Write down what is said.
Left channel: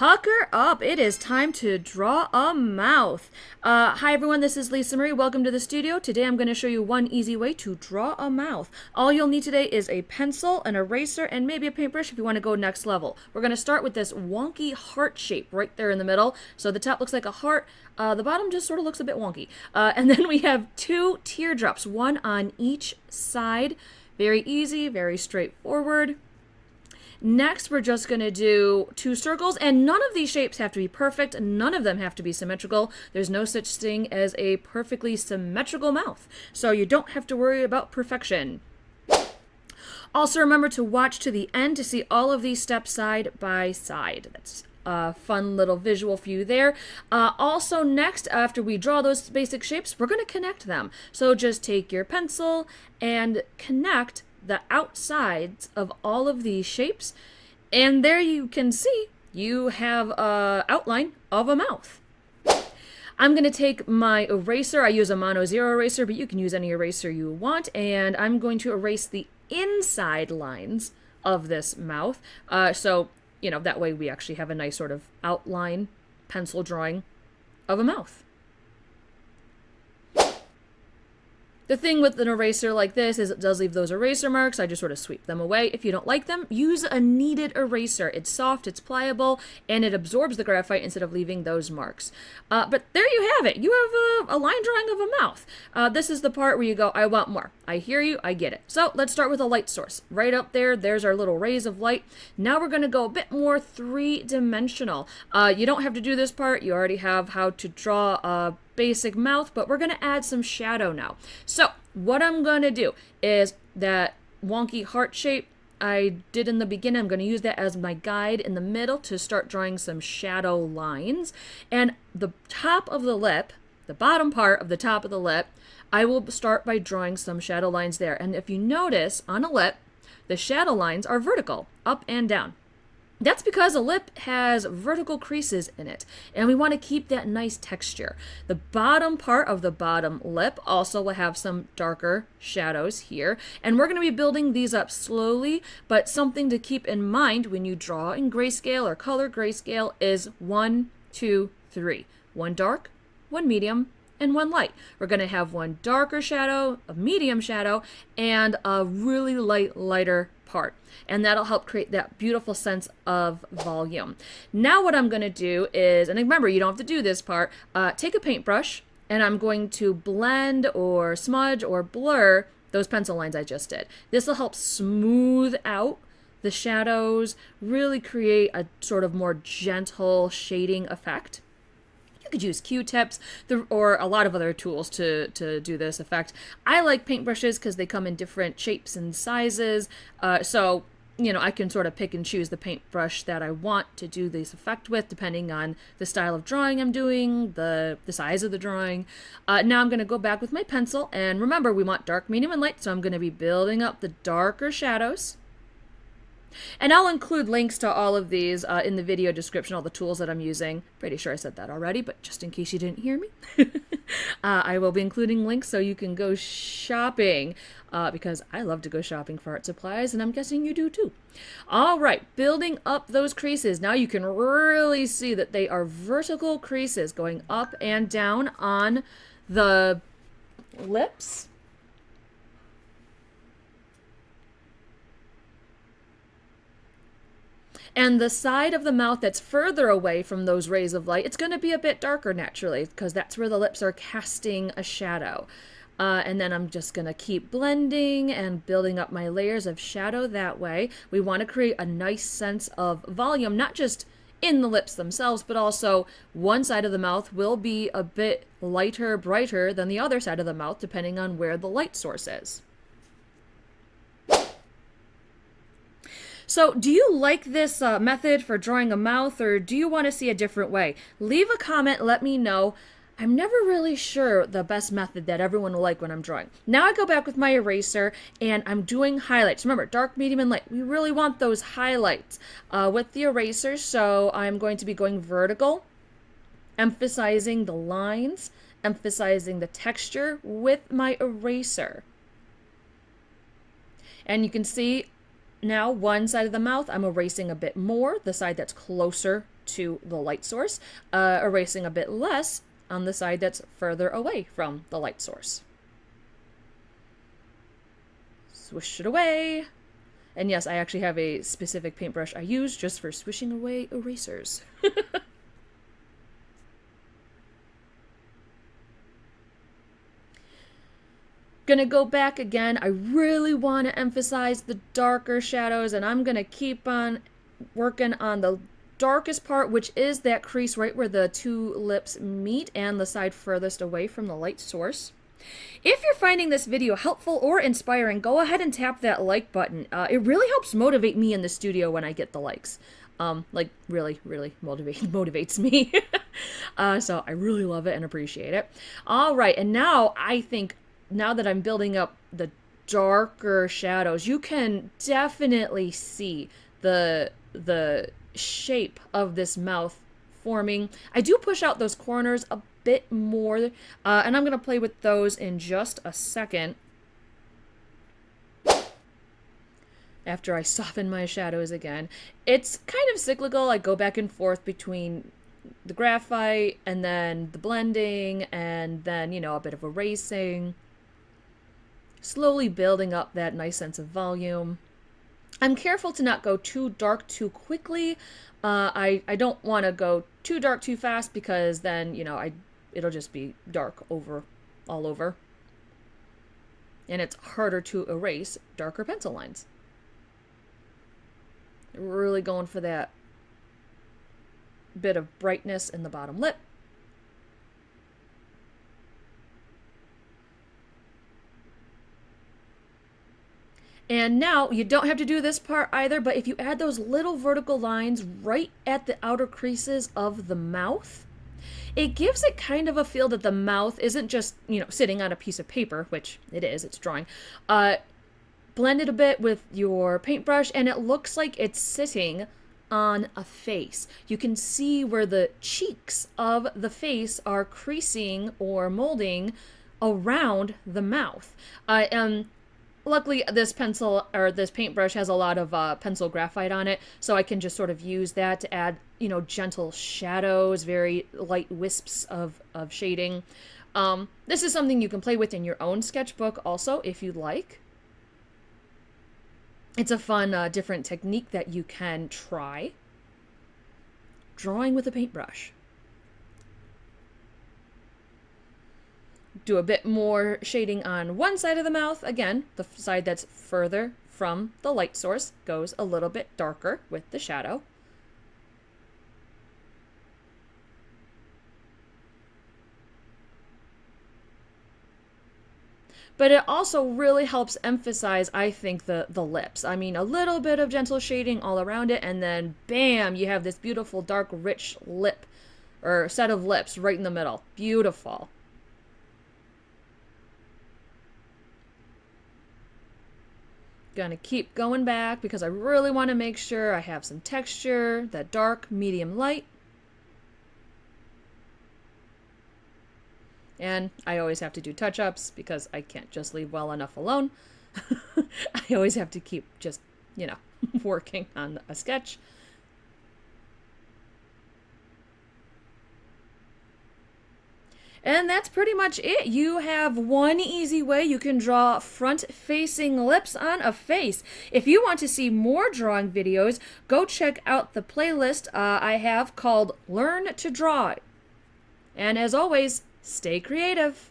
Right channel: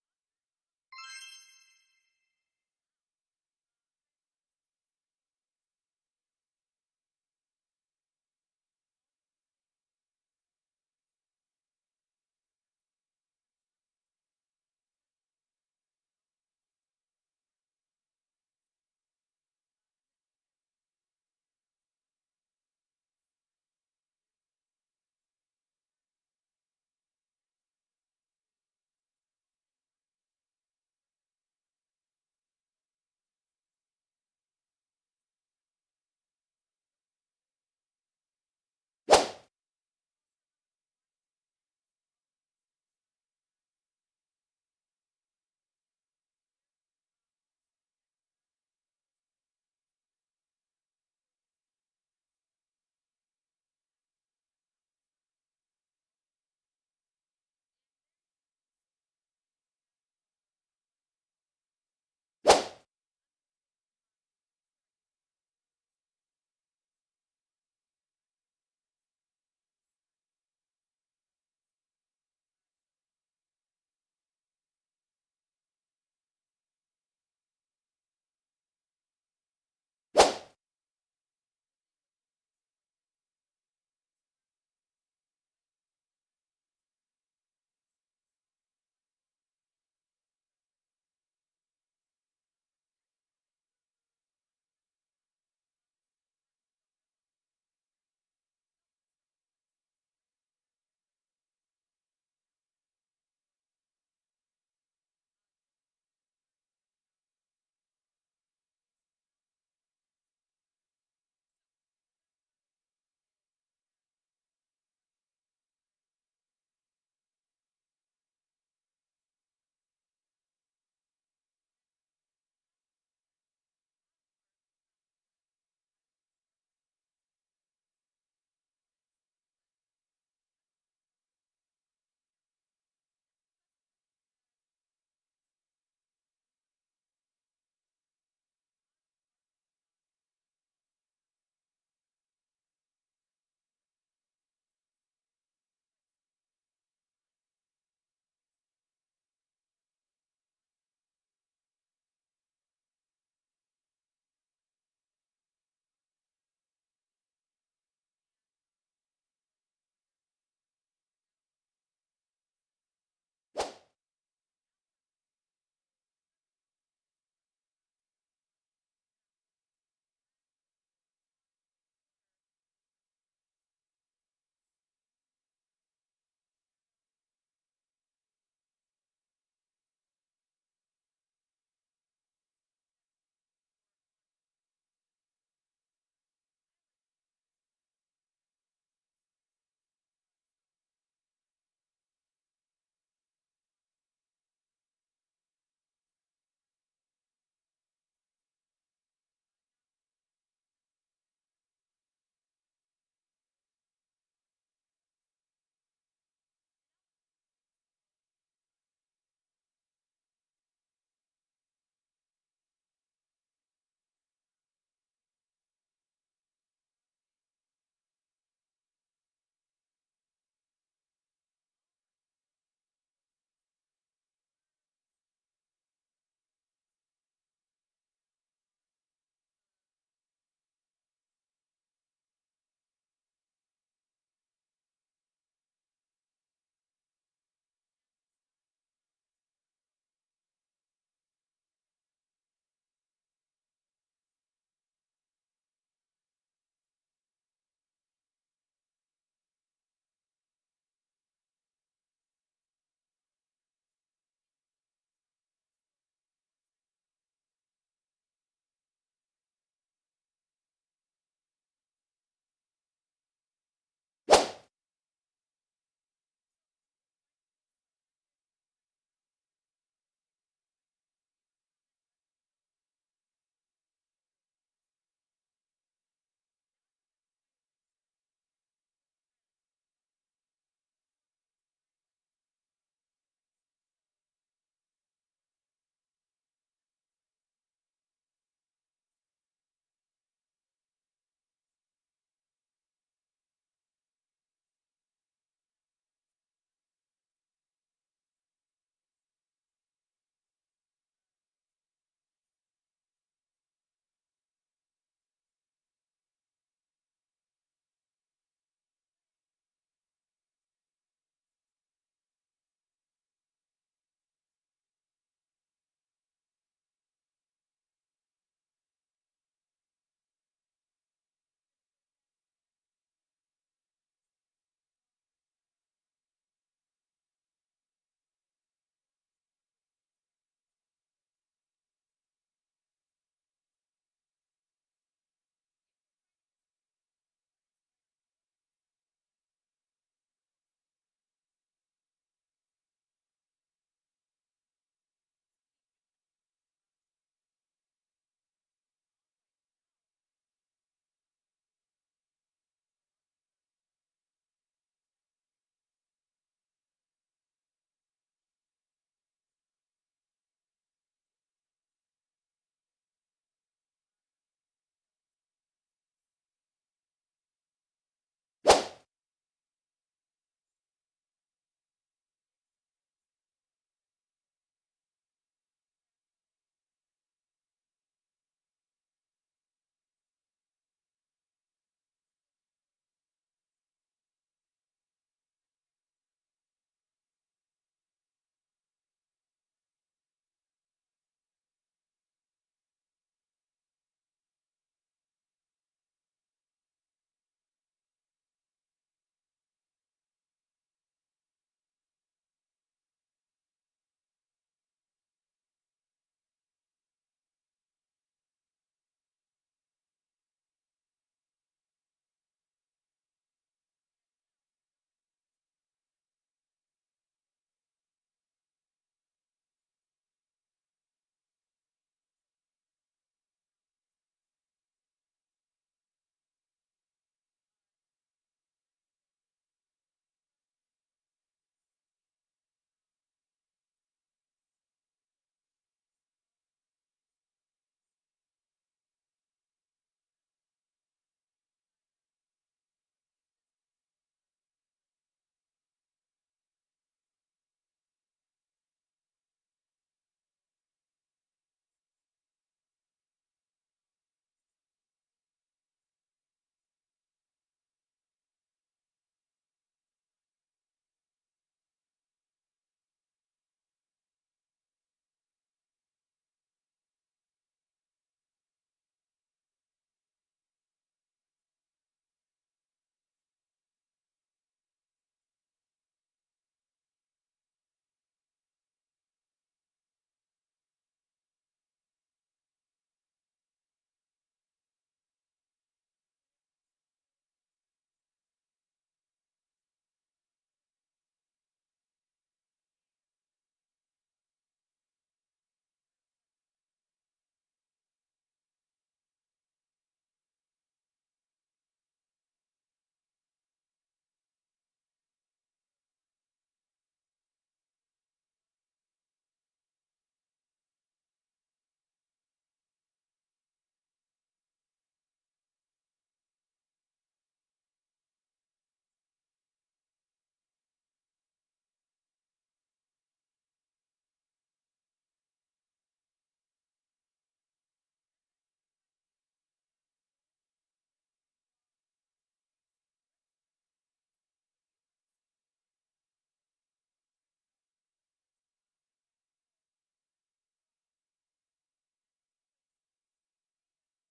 Pucker up. It is time to draw a mouth. Hi everyone, this is Lisa Marie. Welcome to the studio. Today I'm going to show you one easy way to draw a mouth. All you'll need today is a pencil, an eraser, and maybe a paintbrush if you want to go next level. We're going to start with this wonky heart shape right there in the middle. So the top looks like a heart. The bottom just sort of looks a bit wonky. And then we have two teardrops, one on each side. Very easy, very straightforward. Next, we're just going to do two circles, and none of these shapes have to be perfect. None of them have to be symmetrical. There's no such thing as a perfectly symmetrical mouth, so you don't have to worry about perfection. Also, remember to watch to the end to see all of these steps side by side. That's a fun little visual for you there. Also, next, after we draw those basic shapes, we're going to connect them. So just take your pencil and connect the outsides of all of these shapes, and there you can see you have an outline of a mouth. I'm going to take my eraser. I use a mono zero eraser, but you can use any eraser you want, and I'm going to erase the inside lines of this mouth. So, you know, that way we actually have a nice sort of outline pencil drawing of a mouth. The thing with an eraser like this is it does leave those eraser marks. I just sort of sweep them away. If you don't like them, use a kneaded eraser. It's soft, it's pliable, and it absorbs the graphite instead of leaving those marks. But there you have it. You have a line drawing of a mouth. This is the part where you go, I want more. I hear you, I get it. So let's start with a light source. Right up there, there's our little rays of light. Now we're going to go a bit more three-dimensional. You don't have to do this part. You already have how to draw a basic mouth, but we're going to add some shadow now. So what I'm going to do is that wonky heart shape I did in the beginning, I'm going to use that as my guide in the middle to start drawing some shadow lines. And the top of the lip, the bottom part of the top of the lip, I will start by drawing some shadow lines there. And if you notice on a lip, the shadow lines are vertical, up and down. That's because a lip has vertical creases in it, and we want to keep that nice texture. The bottom part of the bottom lip also will have some darker shadows here, and we're going to be building these up slowly, but something to keep in mind when you draw in grayscale or color grayscale is 1, 2, 3. One dark, one medium, and one light. We're going to have one darker shadow, a medium shadow, and a really lighter part. And that'll help create that beautiful sense of volume. Now what I'm going to do is, and remember, you don't have to do this part, take a paintbrush, and I'm going to blend or smudge or blur those pencil lines I just did. This will help smooth out the shadows, really create a sort of more gentle shading effect. You could use Q-tips or a lot of other tools to do this effect. I like paintbrushes because they come in different shapes and sizes. So, you know, I can sort of pick and choose the paintbrush that I want to do this effect with, depending on the style of drawing I'm doing, the size of the drawing. Now I'm going to go back with my pencil. And remember, we want dark, medium, and light. So I'm going to be building up the darker shadows. And I'll include links to all of these in the video description, all the tools that I'm using. Pretty sure I said that already, but just in case you didn't hear me. I will be including links so you can go shopping, because I love to go shopping for art supplies, and I'm guessing you do too. All right, building up those creases. Now you can really see that they are vertical creases going up and down on the lips. And the side of the mouth that's further away from those rays of light, it's going to be a bit darker naturally, because that's where the lips are casting a shadow. And then I'm just going to keep blending and building up my layers of shadow that way. We want to create a nice sense of volume, not just in the lips themselves, but also one side of the mouth will be a bit lighter, brighter than the other side of the mouth, depending on where the light source is. So do you like this method for drawing a mouth, or do you want to see a different way? Leave a comment, let me know. I'm never really sure the best method that everyone will like when I'm drawing. Now I go back with my eraser and I'm doing highlights. Remember, dark, medium, and light. We really want those highlights with the eraser, so I'm going to be going vertical, emphasizing the lines, emphasizing the texture with my eraser. And you can see now one side of the mouth I'm erasing a bit more, the side that's closer to the light source, erasing a bit less on the side that's further away from the light source. Swish it away. And yes, I actually have a specific paintbrush I use just for swishing away erasers. Gonna go back again. I really want to emphasize the darker shadows, and I'm gonna keep on working on the darkest part, which is that crease right where the two lips meet and the side furthest away from the light source. If you're finding this video helpful or inspiring, go ahead and tap that like button. It really helps motivate me in the studio when I get the likes. Like really, really motivates me. So I really love it and appreciate it. All right, and now I think now that I'm building up the darker shadows, you can definitely see the shape of this mouth forming. I do push out those corners a bit more, and I'm going to play with those in just a second after I soften my shadows again. It's kind of cyclical. I go back and forth between the graphite and then the blending and then, you know, a bit of erasing, slowly building up that nice sense of volume. I'm careful to not go too dark too quickly. I don't want to go too dark too fast, because then, you know, it'll just be dark all over. And it's harder to erase darker pencil lines. Really going for that bit of brightness in the bottom lip. And now, you don't have to do this part either, but if you add those little vertical lines right at the outer creases of the mouth, it gives it kind of a feel that the mouth isn't just, you know, sitting on a piece of paper, which it is, it's drawing. Blend it a bit with your paintbrush, and it looks like it's sitting on a face. You can see where the cheeks of the face are creasing or molding around the mouth. Luckily, this pencil or this paintbrush has a lot of pencil graphite on it, so I can just sort of use that to add, you know, gentle shadows, very light wisps of shading. This is something you can play with in your own sketchbook also, if you'd like. It's a fun, different technique that you can try. Drawing with a paintbrush. Do a bit more shading on one side of the mouth. Again, the side that's further from the light source goes a little bit darker with the shadow. But it also really helps emphasize, I think, the lips. I mean, a little bit of gentle shading all around it, and then bam, you have this beautiful, dark, rich lip, or set of lips right in the middle. Beautiful. Gonna keep going back because I really want to make sure I have some texture, that dark, medium, light. And I always have to do touch-ups because I can't just leave well enough alone. I always have to keep just, you know, working on a sketch. And that's pretty much it. You have one easy way you can draw front-facing lips on a face. If you want to see more drawing videos, go check out the playlist I have called Learn to Draw. And as always, stay creative.